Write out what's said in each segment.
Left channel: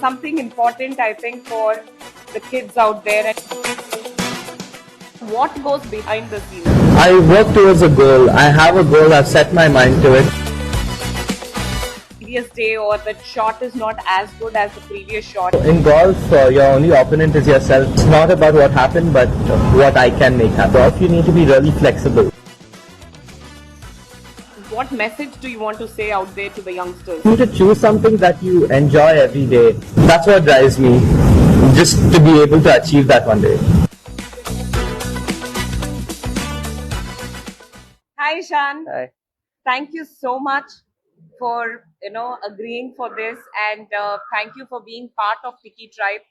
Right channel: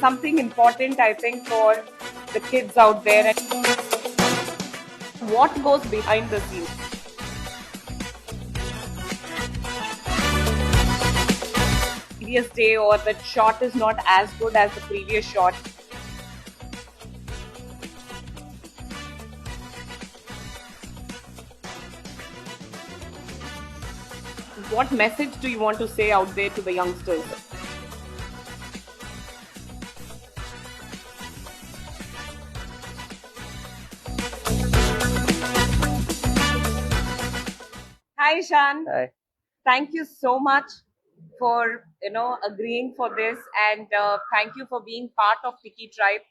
something important, I think, for the kids out there. And what goes behind the scenes? I work towards a goal. I have a goal. I've set my mind to it. Previous day or the shot is not as good as the previous shot. In golf, your only opponent is yourself. It's not about what happened, but what I can make happen. Golf, you need to be really flexible. What message do you want to say out there to the youngsters? You need to choose something that you enjoy every day. That's what drives me. Just to be able to achieve that one day. Hi, Ishaan. Hi. Thank you so much for agreeing for this, and thank you for being part of Tikitribe.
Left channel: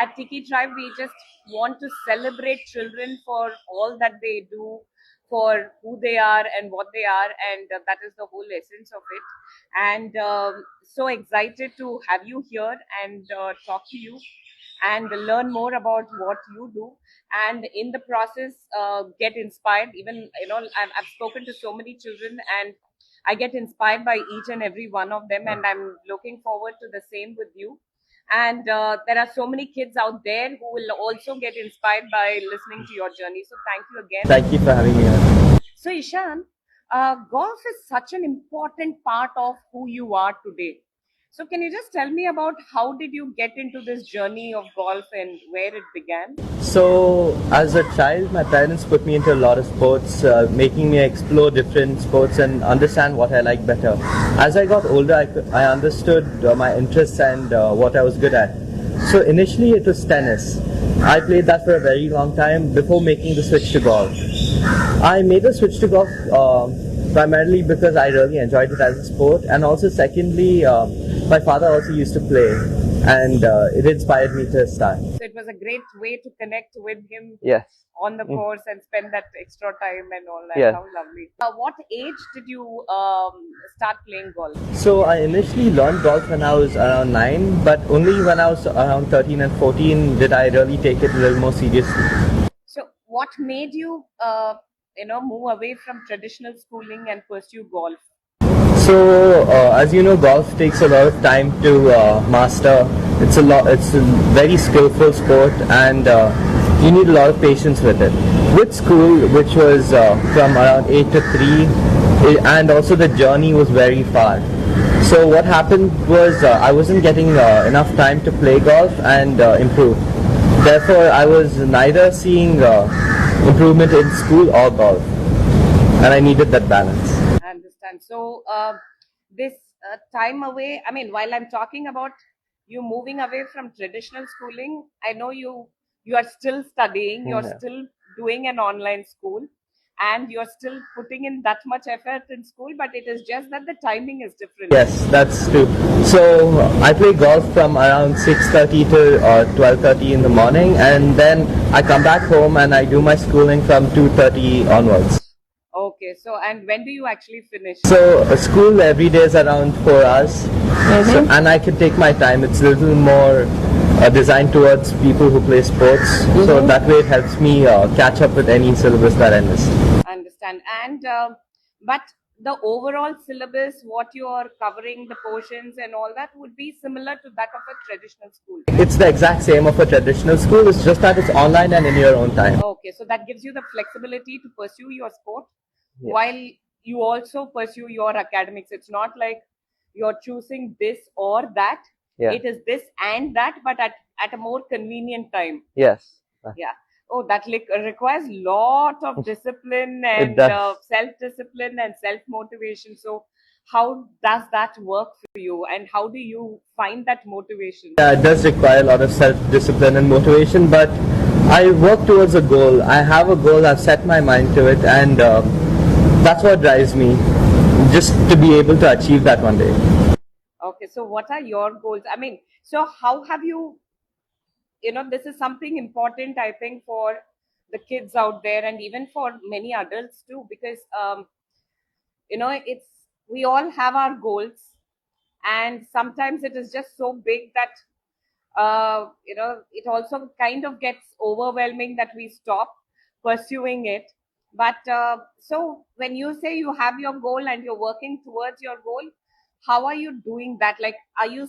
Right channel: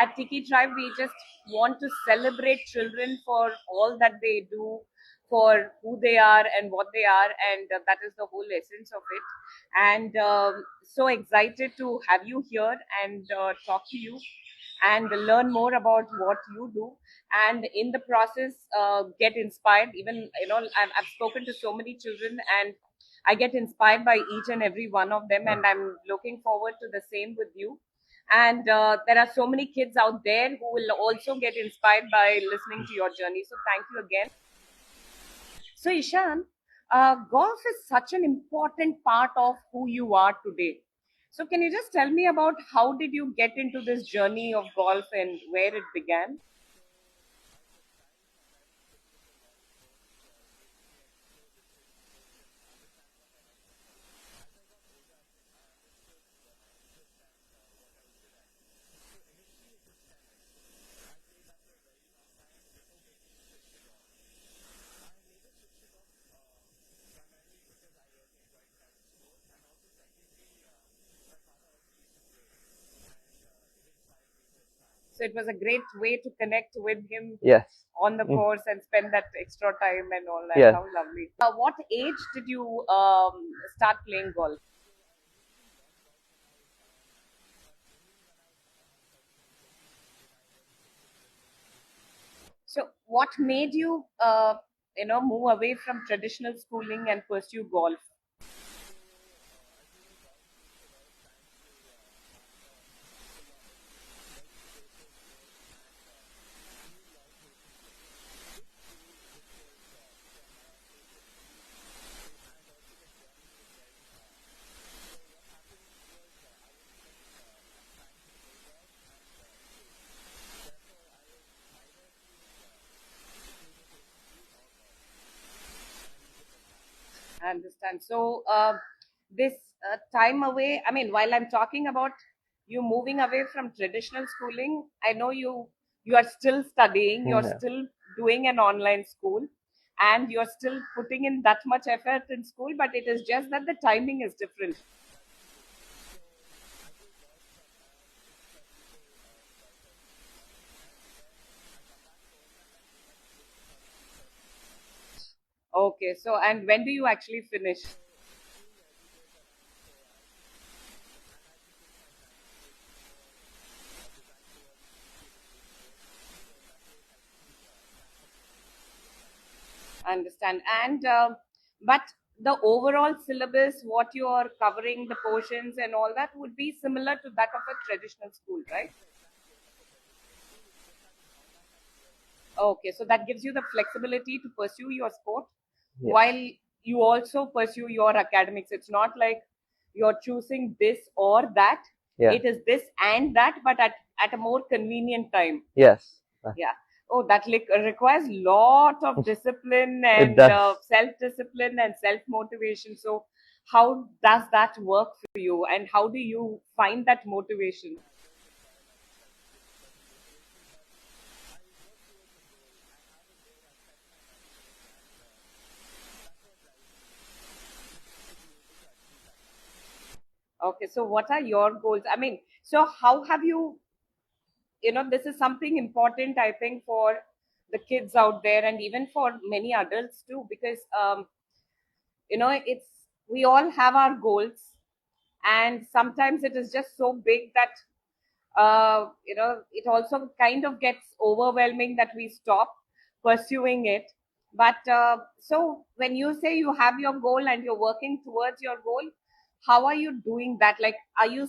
At Tikitribe, we just want to celebrate children for all that they do, for who they are and what they are, and that is the whole essence of it. And so excited to have you here and talk to you and learn more about what you do, and in the process get inspired. Even I've spoken to so many children, and I get inspired by each and every one of them, and I'm looking forward to the same with you. And there are so many kids out there who will also get inspired by listening to your journey. So thank you again. Thank you for having me here. So Ishaan, golf is such an important part of who you are today. So can you just tell me about how did you get into this journey of golf and where it began? So, as a child, my parents put me into a lot of sports, making me explore different sports and understand what I like better. As I got older, I understood my interests and what I was good at. So initially it was tennis. I played that for a very long time before making the switch to golf. I made the switch to golf primarily because I really enjoyed it as a sport, and also secondly, my father also used to play, and it inspired me to start. So it was a great way to connect with him. Yes. On the course and spend that extra time and all that. Yes. How lovely. What age did you start playing golf? So I initially learned golf when I was around 9, but only when I was around 13 and 14 did I really take it a little more seriously. So what made you move away from traditional schooling and pursue golf? So as you know, golf takes a lot of time to master. It's a very skillful sport, and you need a lot of patience with it. With school, which was from around 8 to 3, and also the journey was very far. So what happened was I wasn't getting enough time to play golf and improve. Therefore, I was neither seeing improvement in school or golf, and I needed that balance. I understand. So this time away, I mean, while I'm talking about you moving away from traditional schooling, I know you are still studying, you're still doing an online school, and you're still putting in that much effort in school, but it is just that the timing is different. Yes, that's true. So I play golf from around 6:30 to 12:30 in the morning, and then I come back home and I do my schooling from 2:30 onwards. Okay, so and when do you actually finish? So school every day is around 4 hours, so, and I can take my time. It's a little more designed towards people who play sports, so that way it helps me catch up with any syllabus that I missed. I understand. And but the overall syllabus, what you are covering, the portions and all that would be similar to that of a traditional school, right? It's the exact same of a traditional school. It's just that it's online and in your own time. Okay, so that gives you the flexibility to pursue your sport Yes. while you also pursue your academics. It's not like you're choosing this or that. Yeah. It is this and that, but at a more convenient time. Yes. Yeah. Oh, that requires lot of discipline and self-discipline and self-motivation. So how does that work for you, and how do you find that motivation? Yeah, it does require a lot of self-discipline and motivation, but I work towards a goal. I have a goal. I've set my mind to it, and that's what drives me, just to be able to achieve that one day. Okay, so what are your goals? I mean, so how have you, this is something important, I think, for the kids out there and even for many adults too, because, it's, we all have our goals, and sometimes it is just so big that, it also kind of gets overwhelming that we stop pursuing it. But so when you say you have your goal and you're working towards your goal, how are you doing that? Like, are you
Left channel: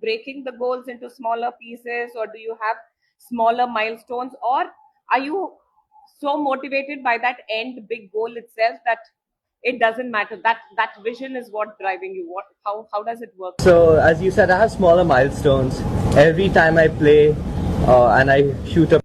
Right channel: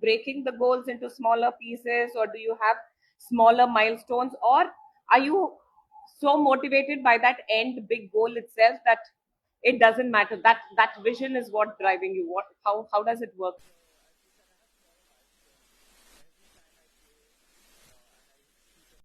breaking the goals into smaller pieces, or do you have smaller milestones, or are you so motivated by that end big goal itself that it doesn't matter, that vision is what driving you? How does it work for you? So as you said, I have smaller milestones. Every time I play and I shoot a